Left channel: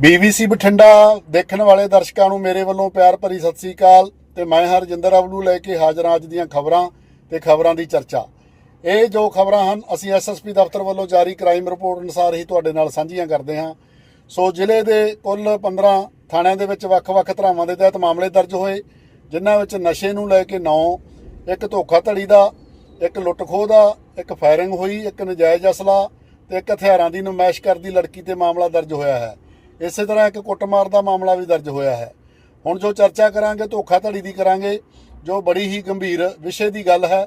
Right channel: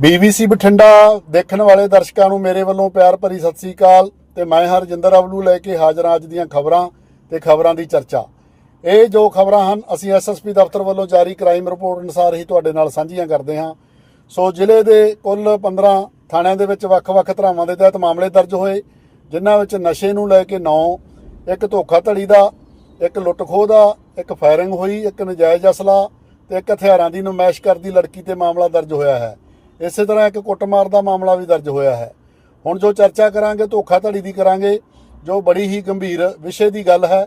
BBC Bathinda ਦੇਖਣ ਵਾਲੇ ਦਰਸ਼ਕਾਂ ਨੂੰ ਮੇਰੇ ਵੱਲੋਂ ਪਿਆਰ ਭਰੀ ਸਤਿ ਸ੍ਰੀ ਅਕਾਲ ਤੇ ਮੈਂ ਹਰਜਿੰਦਰ ਅਵਲੂ ਲੈ ਕੇ ਹਾਜ਼ਰ ਹਾਂ ਅੱਜ ਦੀਆਂ ਖਬਰਾਂ ਤੇ ਖਬਰਾਂ ਦੀ ਚਰਚਾ। ਇਹ ਜੋ ਖਬਰਾਂ ਹਨ, ਅਸੀਂ ਐਸਐਸਪੀ ਦਫ਼ਤਰ ਵੱਲੋਂ ਜਾਰੀ ਕ੍ਰਾਈਮ ਰਿਪੋਰਟ ਅਨੁਸਾਰ ਹੀ ਤੁਹਾਡੇ ਨਾਲ ਸਾਂਝੀਆਂ ਕਰਦੇ ਹਾਂ। ਸੋ ਜ਼ਿਲ੍ਹੇ ਦੇ ਕੁੱਲ 15 ਥਾਣਿਆਂ ਦੇ ਵਿੱਚ ਵੱਖ-ਵੱਖ ਧਰਾਵਾਂ ਦੇ ਤਹਿਤ ਮਾਮਲੇ ਦਰਜ ਹੋਏ, ਜਿਨ੍ਹਾਂ ਵਿੱਚ ਨਸ਼ੇ ਨੂੰ ਲੈ ਕੇ 9 ਇੱਕ ਧੋਖਾਧੜੀ ਦਾ, ਇੱਕ ਲੁੱਟ-ਖੋਹ ਦਾ, ਇੱਕ ਫਾਇਰਿੰਗ ਹੋਈ, ਇੱਕ ਨਜਾਇਜ਼ ਅਸਲਾ ਤੇ ਇੱਕ ਹਥਿਆਰਾਂ ਦੀ ਨੁਮਾਇਸ਼ ਕਰਦੀ ਲੜਕੀ ਤੇ ਮਾਮਲਾ ਦਰਜ ਹੋਇਆ ਹੈ। ਇਸੇ ਤਰ੍ਹਾਂ ਇੱਕ ਕੁੱਟਮਾਰ ਦਾ ਮਾਮਲਾ ਵੀ ਦਰਜ ਹੋਇਆ ਹੈ। ਹੁਣ ਜੋ ਚਰਚਾ ਕਰਾਂਗੇ, ਧੋਖਾਧੜੀ ਦੀ ਕਰਾਂਗੇ, ਜੋ ਬੜੀ ਹੀ ਗੰਭੀਰ ਵਿਸ਼ੇ ਦੀ ਗੱਲ ਹੈ,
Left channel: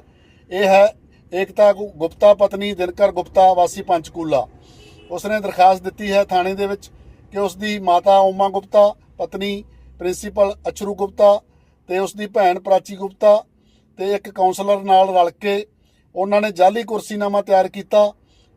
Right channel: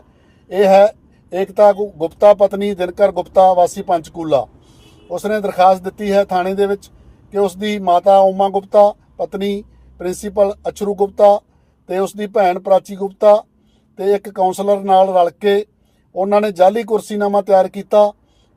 ਇਹ ਹੈ ਏਕਤਾ ਗੁ- ਗੁਪਤਾ ਪਤਨੀ ਦਿਨਕਰ ਗੁਪਤਾ, ਵਾਸੀ ਪੰਚਕੂਲਾ। ਉਸਨੇ ਦਰਖਾਸਤ ਦਿੱਤੀ ਹੈ ਥਾਣੇ ਦੇ ਵਿੱਚ ਕਿ ਉਸ ਦੀ ਮਾਤਾ ਓਮਾ ਗੁਪਤਾ, ਪਤਨੀ ਪ੍ਰਿੰਸੀਪਲ ਅਚਰੂ ਗੁਪਤਾ ਤੇ ਉਸ ਦੀ ਭੈਣ ਪ੍ਰਾਚੀ ਗੁਪਤਾ ਤੇ ਇੱਕ ਕਾਉਂਸਲਰ ਨਾਲ ਰਲ ਕੇ ਉਹਨਾਂ ਨੇ ਜਾਲੀ ਕੁਰਸੀਨਾਮਾ ਤਿਆਰ ਕੀਤਾ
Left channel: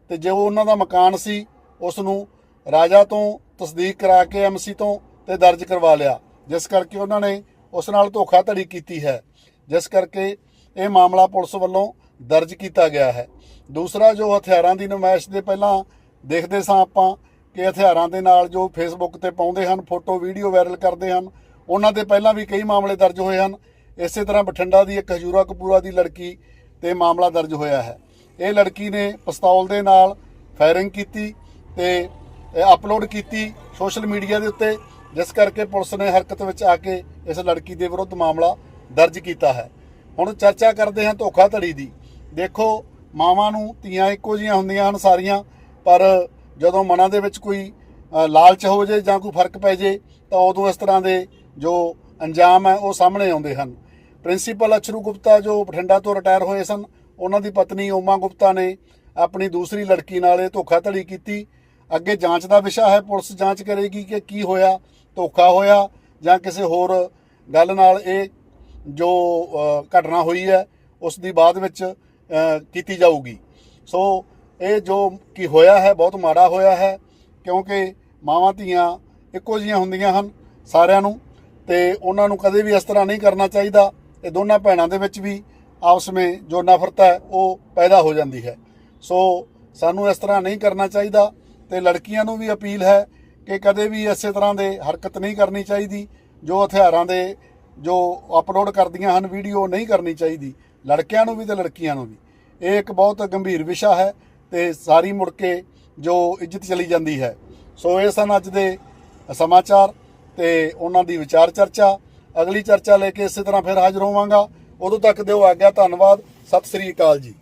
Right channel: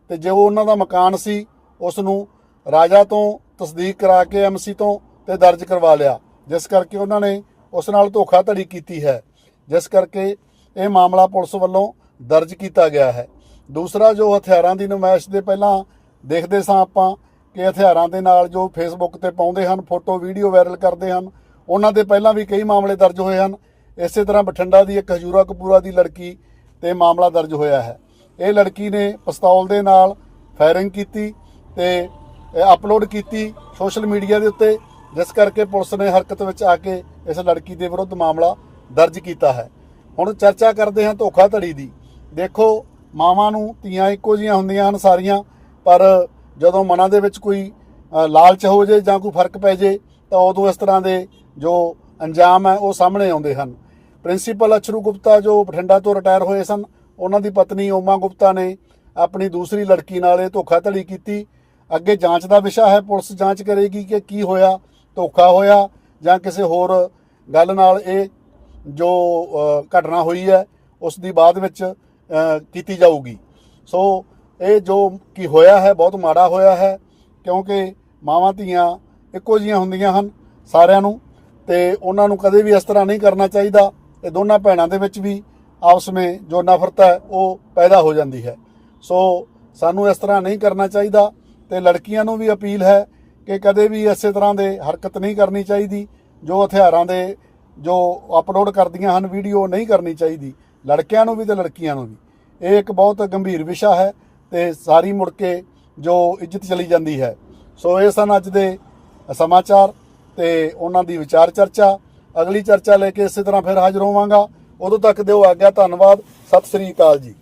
ਤੇ ਜੋ ਉਹਨਾਂ ਦਾ ਮਕਾਨ ਸੀ ਉਸ ਨੂੰ ਰਾਜਾ ਤੋਂ ਤਸਦੀਕ ਕਰਾ ਕੇ ਐਮਸੀ ਤੋਂ ਤੇ ਦਰਜ ਕਰਵਾ ਲਿਆ, ਜਿਸ ਕਰਕੇ ਉਹਨਾਂ ਨੇ ਉਸ ਨਾਲ ਧੋਖਾਧੜੀ ਕੀਤੀ ਹੈ, ਜਿਸ ਕਰਕੇ ਇਹ ਮਾਮਲਾ ਪੁਲਿਸ ਵੱਲੋਂ ਦਰਜ ਕੀਤਾ ਗਿਆ ਹੈ। ਦੂਸਰਾ, ਜੋ ਹਥਿਆਰਾਂ ਦੀ ਨੁਮਾਇਸ਼ ਦੇ ਪਹਿਲਾਂ ਦੇਖਦੇ ਸਾਂ ਆਪਾਂ ਕਿ ਹਥਿਆਰਾਂ ਦੇ ਨਾਲ ਜੋ ਫੇਸਬੁੱਕ ਤੇ ਪਾਉਂਦੇ ਹਨ, ਫੋਟੋ, ਵੀਡੀਓ ਵਾਇਰਲ ਕਰਦੇ ਹਨ, ਉਹਨਾਂ ਦੇ ਪਹਿਲਾਂ ਵੀ ਕਈ ਮਾਮਲੇ ਦਰਜ ਹੋਏ ਹਨ। ਇਸੇ ਤਰ੍ਹਾਂ ਬਠਿੰਡਾ ਦੀ ਇੱਕ ਹਜੂਰਾ ਕਪੂਰਾ ਦੀ ਲੜਕੀ ਤੇ ਮਾਮਲਾ ਦਰਜ ਹੋਇਆ ਹੈ। ਇਹ ਲੜਕੀ ਨੇ ਪਿਸਤੌਲ ਦੇ ਨਾਲ ਫਾਇਰਿੰਗ ਕੀਤੀ ਤੇ ਅਪਲੋਡ ਕੀਤੀ ਸੋਸ਼ਲ ਮੀਡੀਆ ਦੇ ਉੱਤੇ, ਜਿਸ ਕਰਕੇ ਪੁਲਿਸ ਨੇ ਹਰਕਤ ਵਿੱਚ ਆ ਕੇ ਇਸ ਲੜਕੀ ਦੇ ਵਿਰੁੱਧ ਮਾਮਲਾ ਦਰਜ ਕੀਤਾ ਹੈ। ਹੁਣ ਚਰਚਾ ਕਰਦੇ ਹਾਂ ਧੋਖਾਧੜੀ ਦੀ। ਦੇਖੋ, ਮਾਵਾਂ ਨੂੰ ਧੀਆਂ ਇੱਕੋ ਜੀਆਂ ਹੁੰਦੀਆਂ ਹਨ ਸਾਰੀਆਂ, ਪਰ ਜਦੋਂ ਮਨਾਂ ਦੇ ਵਿੱਚ ਕੋਈ ਲਾਲਚ ਹੋ ਜੇ ਜਾਂ ਕੋਈ ਫ਼ਰਕ ਪੈ ਜੇ, ਤਾਂ ਉਦੋਂ ਇਸ ਤਰ੍ਹਾਂ ਦੇ ਜੋ ਅੰਜਾਮ ਹੈ, ਉਹ ਸਾਹਮਣੇ ਆਉਂਦੇ ਹਨ। ਪ੍ਰਿੰਸੀਪਲ ਅਚਰੂ ਗੁਪਤਾ ਜੋ ਬਠਿੰਡਾ ਤੋਂ ਰਿਟਾਇਰ ਹੋਏ ਸਨ, ਉਹਨਾਂ ਦੀ ਪਤਨੀ ਓਮਾ ਗੁਪਤਾ ਨੇ ਆਪਣੀ ਦੂਸਰੀ ਲੜਕੀ ਨਾਲ ਇਹ ਧੋਖਾਧੜੀ ਕੀਤੀ। ਅੱਗੇ ਜਾਂਚ ਦਾ ਵਿਸ਼ਾ ਹੈ, ਪੁਲਿਸ ਜਾਂਚ ਕਰੇਗੀ ਕਿ ਕੀ ਹੋਇਆ, ਧੋਖਾ ਹੋਇਆ ਜਾਂ ਕਿਸੇ ਹੋਰ ਗੱਲ ਨਾਲ ਇਹ ਜੋ ਘਟਨਾ ਹੋਈ ਹੈ, ਉਸ ਦੀ ਬਾਅਦ ਵਿੱਚ ਕੀਤੀ ਜਾਊਗੀ। ਸੋ ਇਹ ਜੋ ਕੀ ਹੋਇਆ ਹੈ, ਬਹੁਤ ਮਾੜਾ ਹੋਇਆ ਹੈ, ਕਿਉਂਕਿ ਮਾਵਾਂ ਧੀਆਂ ਇੱਕੋ ਜੀਆਂ ਹੁੰਦੀਆਂ ਹਨ ਸਾਰਿਆਂ ਨੂੰ ਤੇ ਉਹਨਾਂ ਨੂੰ ਕਦੇ ਵੀ ਇਸ ਤਰ੍ਹਾਂ ਨਹੀਂ ਕਰਨਾ ਚਾਹੀਦਾ। ਇਹ ਦੋਨਾਂ ਭੈਣਾਂ ਦੇ ਵਿੱਚ ਵੀ ਆਪਸ ਵਿੱਚ ਜੋ ਨਫ਼ਰਤ ਹੈ, ਉਹ ਪੈਦਾ ਹੋ ਜਾਂਦੀ ਹੈ। ਸੋ ਸਾਨੂੰ ਇਸ ਤਰ੍ਹਾਂ ਨਹੀਂ ਕਰਨਾ ਚਾਹੀਦਾ। ਤੇ ਲੜਕੀਆਂ ਨੂੰ ਵੀ ਅਪੀਲ ਹੈ ਕਿ ਕਦੇ ਵੀ ਇਸੇ ਤਰ੍ਹਾਂ ਦੇ ਹਰਕਤ ਨਹੀਂ ਕਰਨੀ ਚਾਹੀਦੀ, ਜੋ ਹਥਿਆਰਾਂ ਦੇ, ਜੋ ਅਪਲੋਡ ਕਰਦੀਆਂ ਹਨ, ਵੀਡੀਓ ਨਹੀਂ ਕਰਨੀ ਚਾਹੀਦੀ, ਲੜਕਿਆਂ ਨੂੰ ਵੀ ਤੇ ਲੜਕੀਆਂ ਨੂੰ ਵੀ। ਇਹ ਇੱਕ ਬਹੁਤ ਗੰਭੀਰ ਵਿਸ਼ਾ ਹੈ ਤੇ ਸਾਰੀ ਮੁੜ ਕੇ ਜੋ ਇੱਜ਼ਤ ਚਲੀ ਜਾਂਦੀ ਹੈ। ਸੋ ਇਹ ਸਨ ਅੱਜ ਦੇ ਸਮਾਚਾਰ ਤੇ ਉਹਨਾਂ ਦੀ ਵਿਚਾਰ ਚਰਚਾ। ਅਗਲੀ ਚਰਚਾ ਲੈ ਕੇ ਇਸੇ ਤਰ੍ਹਾਂ ਫਿਰ ਹਾਜ਼ਰ ਹੋਵਾਂਗਾ। ਉਦੋਂ ਤੱਕ ਦਿਓ ਆਗਿਆ, ਧੰਨਵਾਦ। ਸਤਿ ਸ੍ਰੀ ਅਕਾਲ ਜੀ।